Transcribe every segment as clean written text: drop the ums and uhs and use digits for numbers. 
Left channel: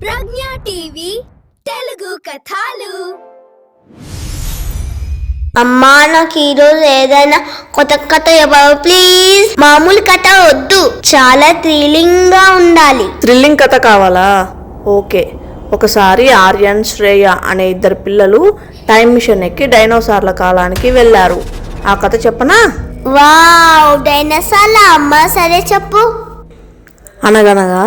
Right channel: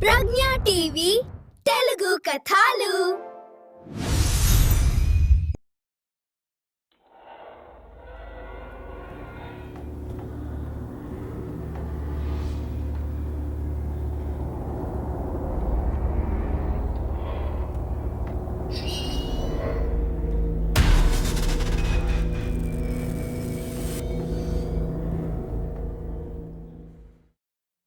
ప్రజ్ఞా TV Telugu కథలు. అమ్మా, నాకు ఈరోజు ఏదైనా కొత్త కథ చెప్పవు ప్లీజ్. మామూలు కథ వద్దు, చాలా థ్రిల్లింగ్ గా ఉండాలి. థ్రిల్లింగ్ కథ కావాలా? ఓకే. ఒకసారి ఆర్యన్, శ్రేయ అనే ఇద్దరు పిల్లలు టైం మిషన్ ఎక్కి డైనోసార్ల కాలానికి వెళ్ళారు. ఆ కథ చెప్పనా? వావ్, డైనోసార్ల అమ్మా, సరే చెప్పు. అనగనగా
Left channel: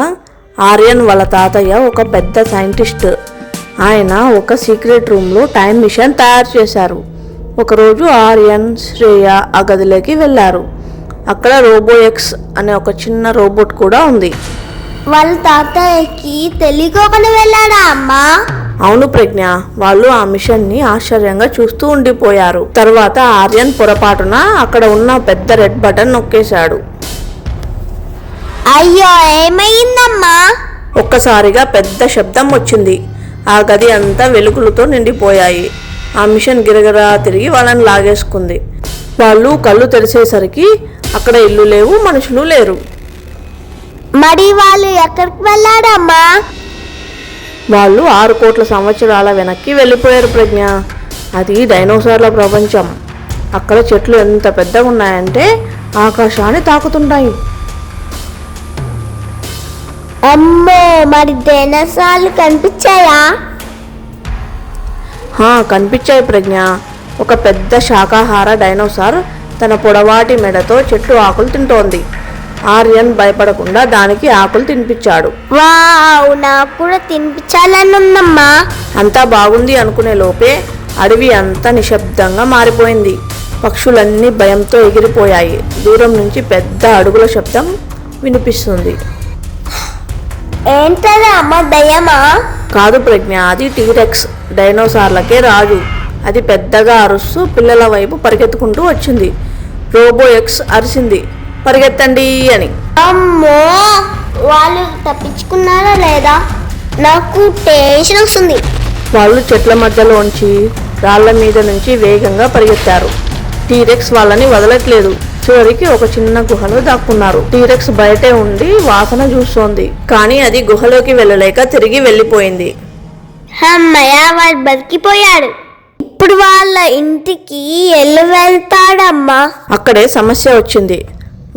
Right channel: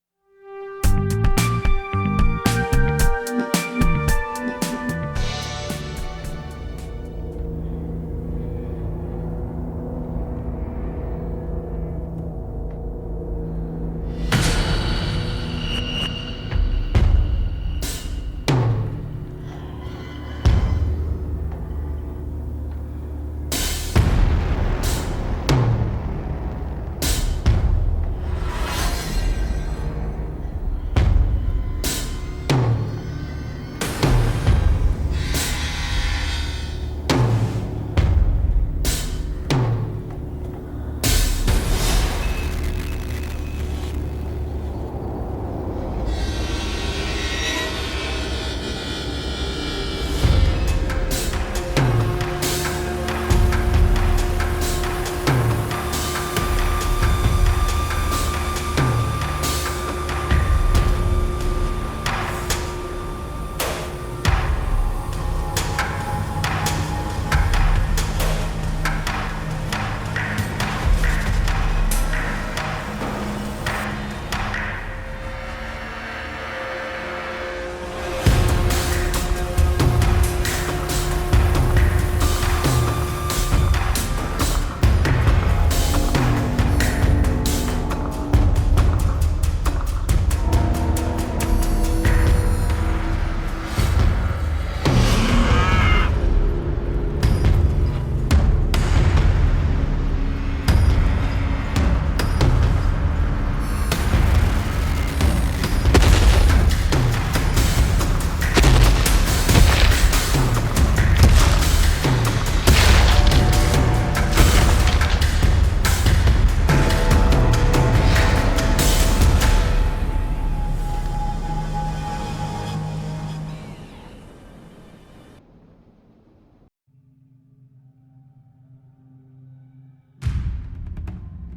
ఆర్యన్ వాళ్ళ తాతయ్య ఒక పెద్ద సైంటిస్ట్. ఆయన ఒక సీక్రెట్ రూమ్లో టైం మిషన్ తయారు చేశారు. ఒకరోజు ఆర్యన్, శ్రేయ ఆ గదిలోకి వెళ్ళారు. అక్కడ రోబోఎక్స్ అనే ఒక చిన్న రోబోట్ కూడా ఉంది. వాళ్ళ తాతయ్యకి తెలియకోకుండా వెళ్ళాడా అమ్మా? అవును ప్రజ్ఞ, వాళ్ళు ఆ మిషన్ని ఆశ్చర్యంగా చూస్తూ ఉండిపోయారు. తర్వాత ఆర్యన్ పొరపాటున అక్కడ ఉన్న పెద్ద రెడ్ బటన్ నొక్కేశాడు. అయ్యో, ఏమైందమ్మా? ఒక్కసారిగా పెద్ద శబ్దం వచ్చింది. ఆ గది అంతా వెలుగులతో నిండిపోయాయి. ఆ మిషన్ గిరగిరా తిరిగి వాళ్ళని లాగేసుకుంది. వాళ్ళు కళ్ళు తెరిచేసరికి అక్కడ ఇల్లు లేవు, మనుషులు లేరు. మరి వాళ్ళు ఎక్కడికి వెళ్ళాడమ్మా? వాళ్ళు 6 కోట్ల సంవత్సరాల వెనక్కి వెళ్ళిపోయారు ప్రజ్ఞ. అది డైనోసార్ల ప్రపంచం. అక్కడ చెట్లు ఎంత పెద్దగా ఉన్నాయంటే ఆకాశాన్ని తాకుతుంటాయి. అమ్మో, మరి డైనోసార్లు కనిపించాయా? కనిపించాయి ప్రజ్ఞ. ఒక పెద్ద శాకాహార డైనోసార్ తన పొడవాటి మెడతో చెట్టు ఆకులు తింటోంది. ఆర్యన్ భయపడకుండా దానికి ఆకులు తినిపించాడు. వావ్, నాకు కూడా తినిపించాలని ఉందమ్మా. అంతా బాగుంది అనుకునే లోపే అడవి అంతా నిశ్శబ్దంగా మారిపోయింది. పక్షులన్నీ భయంతో ఎగిరిపోయాయి. దూరం నుంచి పెద్ద అడుగుల శబ్దం వినిపిస్తుంది. ఏంటది అమ్మ, దయ్యమా? కాదు ప్రజ్ఞ, అది టీరెక్స్, డైనోసార్లకే రాజు. అది పెద్దగా అరుస్తూ పిల్లల వైపు పరిగెత్తుకుంటూ వచ్చింది. రోబోఎక్స్ అరిసింది, పరిగెత్తండి అని. అమ్మో, వాళ్ళు తప్పించుకున్నారా లేదా? నాకు టెన్షన్ వస్తుంది. వాళ్ళు చెట్ల మధ్యలోంచి, రాళ్ల మీద నుంచి వేగంగా పరిగెత్తారు. టీరెక్స్ వాళ్ళని వదలట్లేదు. చివరికి ఒక చిన్న గుహలో దాక్కున్నారు. టీరెక్స్ బయటే ఉండి వాసన చూస్తోంది, కానీ అది గుహలోకి వెళ్ళలేక తిరిగి వెళ్ళిపోయింది. అమ్మయ్య, వాళ్ళు బతికిపోయాడు. ఇప్పుడు వాళ్ళ ఇంటికి వెళ్తాడమ్మా? అక్కడే సమస్య వచ్చింది.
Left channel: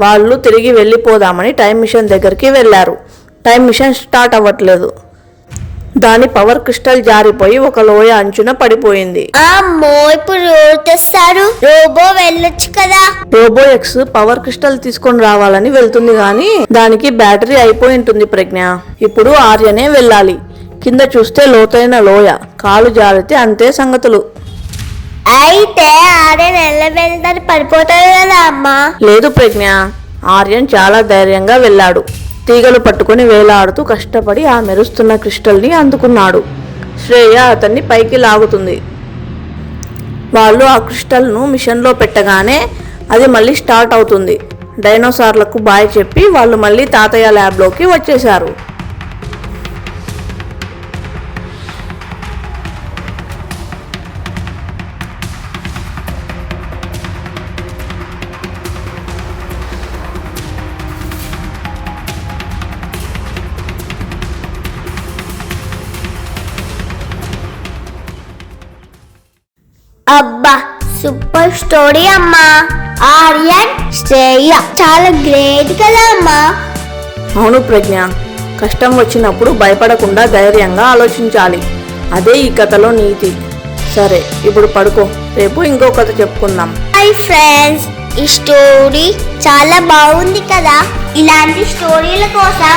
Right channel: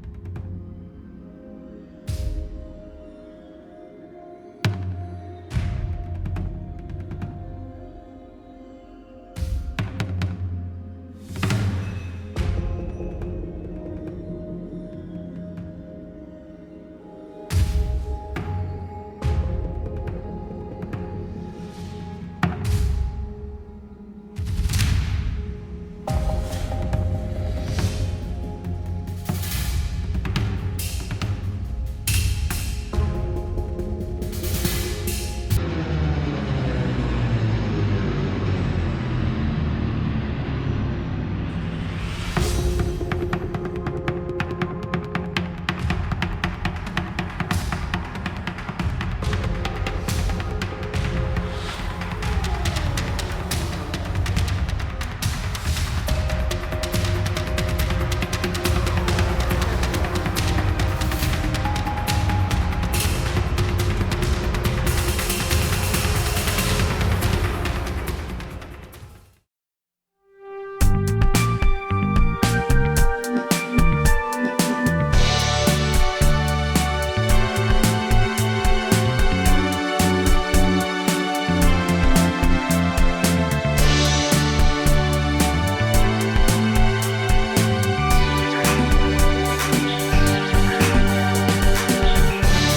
వాళ్ళు తిరిగి వెళ్ళిపోదామని టైం మిషన్ దగ్గరికి వెళ్ళారు. టైం మిషన్ స్టార్ట్ అవ్వట్లేదు. దాని పవర్ క్రిస్టల్ జారిపోయి ఒక లోయ అంచున పడిపోయింది. అమ్మో, ఇప్పుడు ఎవరు తెస్తారు? రోబో వెళ్ళొచ్చు కదా. రోబోఎక్స్ పవర్ క్రిస్టల్ తీసుకొని రావాలని వెళ్తుంది, కానీ దానికి బ్యాటరీ అయిపోయి ఉంటుంది ప్రజ్ఞ. ఇప్పుడు ఆర్యనే వెళ్ళాలి. కింద చూస్తే లోతైన లోయ, కాలు జారితే అంతే సంగతులు. అయితే ఆర్యన్ వెళ్తాడు, పడిపోతాడు కదా అమ్మా? లేదు ప్రజ్ఞ, ఆర్యన్ చాలా ధైర్యంగా వెళ్ళాడు. తీగలు పట్టుకుని వేలాడుతూ కష్టపడి ఆ మెరుస్తున్న క్రిస్టల్ని అందుకున్నాడు. శ్రేయ అతన్ని పైకి లాగుతుంది. వాళ్ళు ఆ క్రిస్టల్ను మిషన్లో పెట్టగానే అది మళ్ళీ స్టార్ట్ అవుతుంది. డైనోసార్లకు బాయ్ చెప్పి వాళ్ళు మళ్ళీ తాతయ్య ల్యాబ్లోకి వచ్చేశారు. అబ్బా, సూపర్ స్టోరీ అమ్మా. ఆర్యన్, శ్రేయ చాలా గ్రేట్ కదా అమ్మా? అవును ప్రజ్ఞ, కష్టం వచ్చినప్పుడు భయపడకుండా ధైర్యంగా ఆలోచించాలి. అదే ఈ కథలో నీతి. సరే, ఇప్పుడు పడుకో, రేపు ఇంకో కథ చెప్పుకుందాం. హాయ్ ఫ్రెండ్స్, ఈ స్టోరీ చాలా బాగుంది కదా. ఇలాంటి స్టోరీల కోసం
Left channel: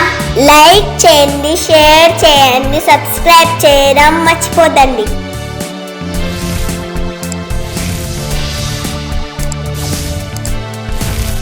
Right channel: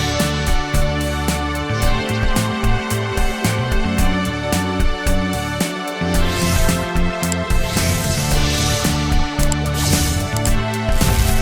లైక్ చేయండి, షేర్ చేయండి, సబ్స్క్రైబ్ చేయడం మర్చిపోదండి.